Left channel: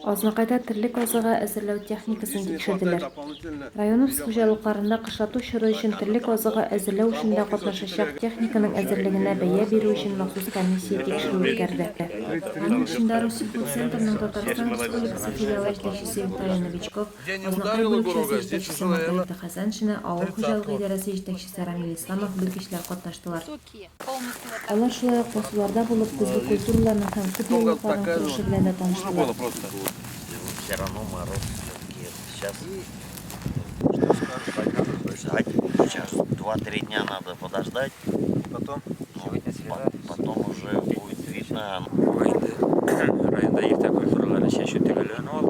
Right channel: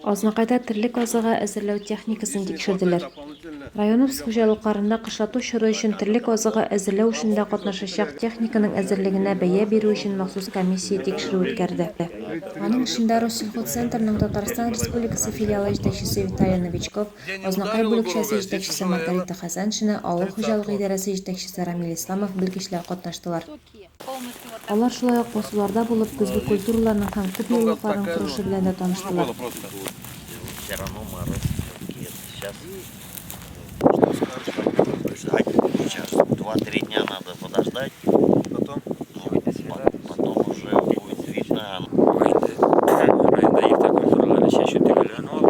Азмакайда терлек азыгы әзерләү техникасын тикшерделәр. Район хуҗалыкларында кышлату чоры өчен терлек азыгы әзерләү эшендә катнашачак техниканың әзерлегенә бәя бирү өчен махсус комиссия тикшерү үткәрде. Аның эшендә Россельхозцентрның Татарстан Республикасы филиалы җитәкчесе Виталий Новичков, Азнакай бүлекчәсе җитәкчесе Маргарита Хәсәншина, авыл хуҗалыгы идарәсе җитәкчесе Рамил Исламов белгечләр катнаштылар. Алар шулай ук басуларда булып, көзге культураларның һәм күп еллыкларын күреше белән дә таныштылар. Все равно мороз сейчас. Сейчас 2-3 дня надо подождать. Потом? Потом уже будет видно. Районда ерте культуралары шешүү төгөлөнүп алып,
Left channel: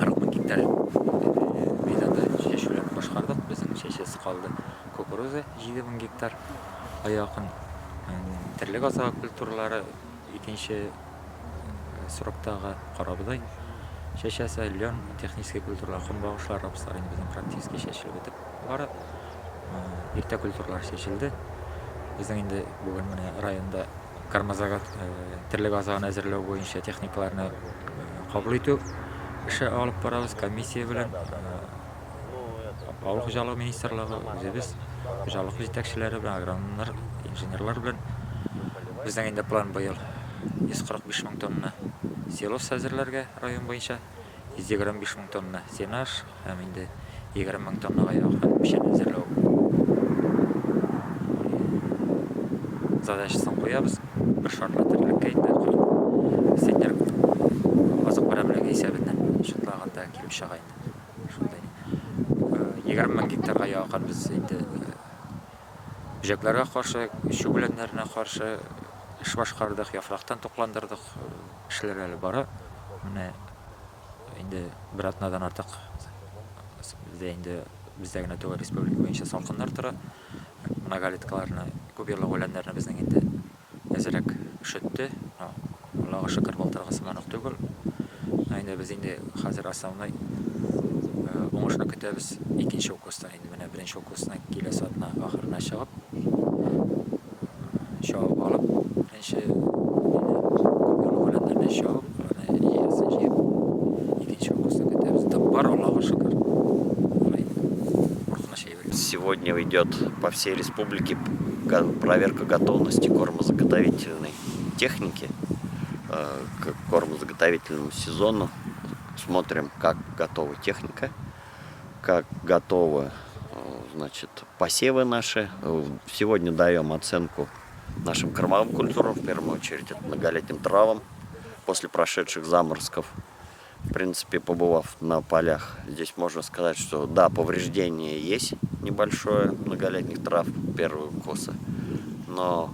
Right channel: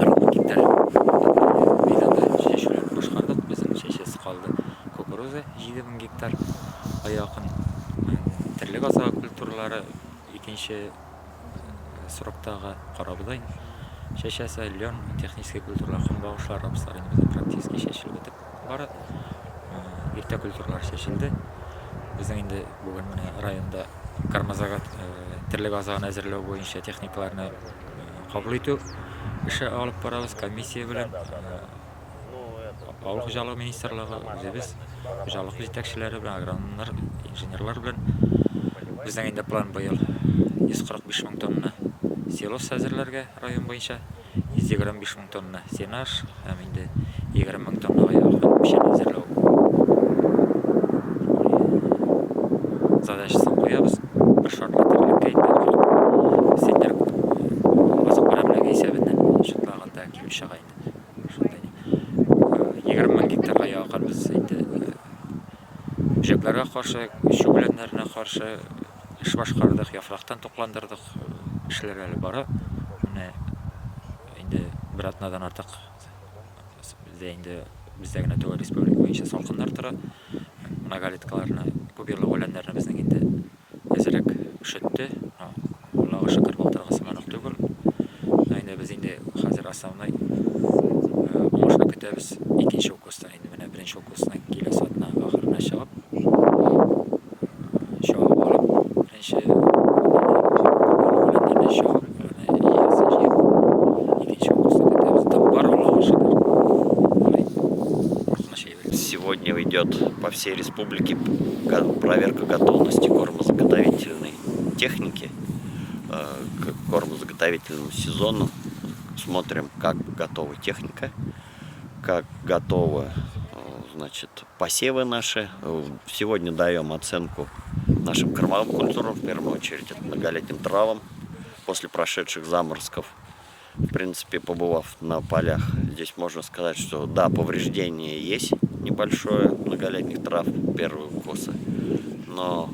40 мың гектар мейданда шешүүлөрүн башкардык. Биздин шешеси калды. Кукуруза 7 мың гектар. Аякын терлек азыгы культуралары экинчи сроктагы карабыдай. Шешесі лен технический культуралар, кумбагышлар, рапстар инде практически шешилип өтүп бара. Ерте культуралар шешилди. Биздин инде бүгүн мына районда кармазагат терлек азыгын әзерлөө боюнча техникаларны кабыл этүү иши алып барабыз. Комиссия менен Ауыл хуҗалыгы министрлыгы, өзүбүз хуҗалык жетекчилери менен, агрономдор, инженерлар менен биздин инде план быйыл 145 мың тонна силос әзерләргә район боюнча, 125 мың тонна сенаж һәм инде 20 мың тоннага якын печән әзерләү задачасын куябыз. Бер шартлы терлеккә инде сенер азык барабылыгы исәбеннән шутлаганда килеп чыга инде. Шундай 20 мың гектарга якын без инде бөҗәкләргә каршы, шүбәләннәренә каршы эш башкардык, яфрактан токландырдык. Эшләр әле бара. Менә инде бер атнадан артык бездә генә түгел, республика буенча салкыннар тора. Многолеткаларны, күпьеллык үләннәрне безнең инде әзрәк ишетте. Аллага шөкер, былтыргы сыман ук түгел. Инде без инде хәзер основной уңышны көтәбез. Икенче укустан инде менә беренче укустан киләсе атна ахырына чыгып, чыгып алып, беренче Сегодня идет по всей республике проверка готовности кормозаготовительной техники к кормозаготовительному сезону. Смотрим, как готова техника, как готовы, значит, посевы наши. Сегодня даем оценку нашим кормовым культурам, в первую очередь это многолетним травам после прошедших заморозков. В принципе, побывав на полях, здесь можно сказать, что да, повреждение есть небольшое многолетних трав, первые косы, но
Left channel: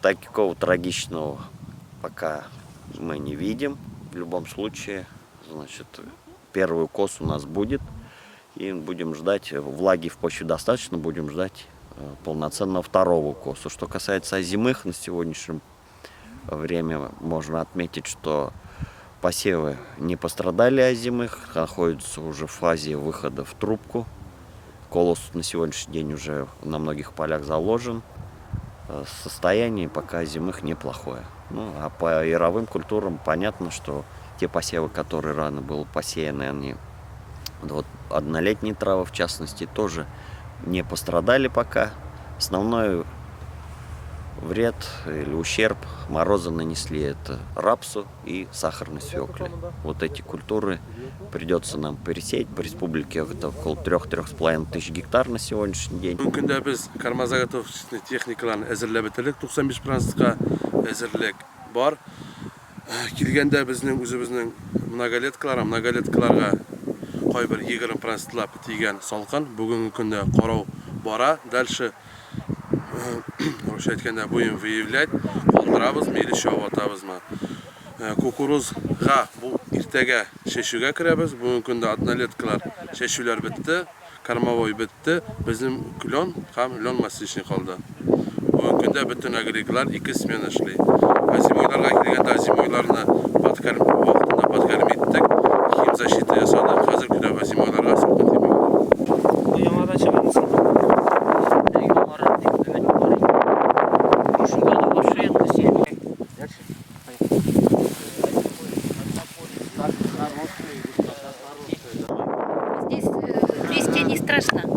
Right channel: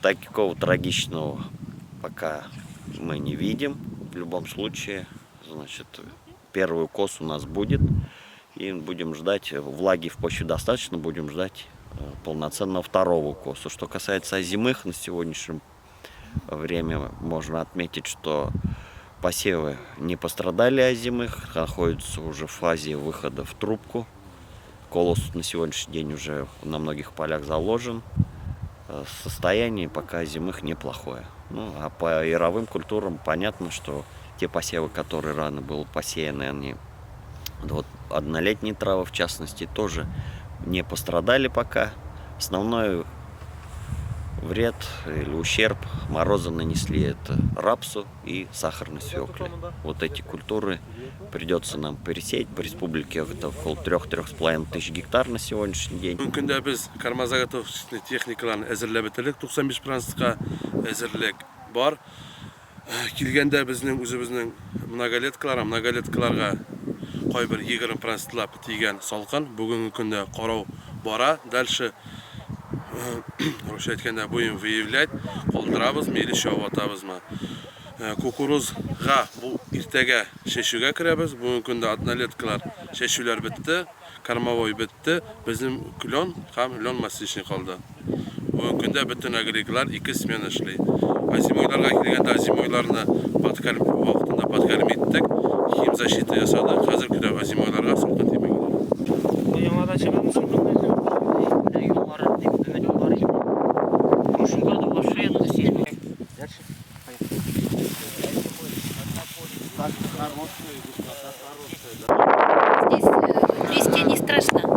такого трагичного пока мы не видим. В любом случае, значит, первый кос у нас будет, и будем ждать, влаги в почве достаточно, будем ждать полноценного второго коса. Что касается озимых, на сегодняшнем время можно отметить, что посевы не пострадали озимых, находятся уже в фазе выхода в трубку. Колос на сегодняшний день уже на многих полях заложен. Состояние пока озимых неплохое. Ну, а по яровым культурам понятно, что те посевы, которые рано были посеяны, они, вот однолетние травы в частности, тоже не пострадали пока. Основной вред или ущерб морозы нанесли это рапсу и сахарной свекле. Вот эти культуры придется нам пересеять. По республике это около 3-3,5 тысяч гектар на сегодняшний день. Мүмкінде біз кармазаготовочный техникаларын әзірлеп бітірдік. 95%-қа әзірлік бар. Келгенде біздің өзіміздің многолеткаларға қойбір 20%-лап тиген салқын. Бүгінгі күнде қарау бара. Дальше айтқанда будем выявлять, қолдырабыз, мейлі шауып атабызма. Кукурузға бұл ертеге шешуге кіребіз. Бүгінгі күнде однолеткалар шешулер бітті, кормовой бітті. Біздің лен һәм лен массичный қалды. Бүгінгі күнде бүтін агрегалар 2 смена эшли. Азимойларға келгенде азимойларны вақытында подкарм еттік, химзащита жасадық. Қазір күнде азимойларға салқын тимейді. Яңадан шығамыз. Здесь листья не страшно.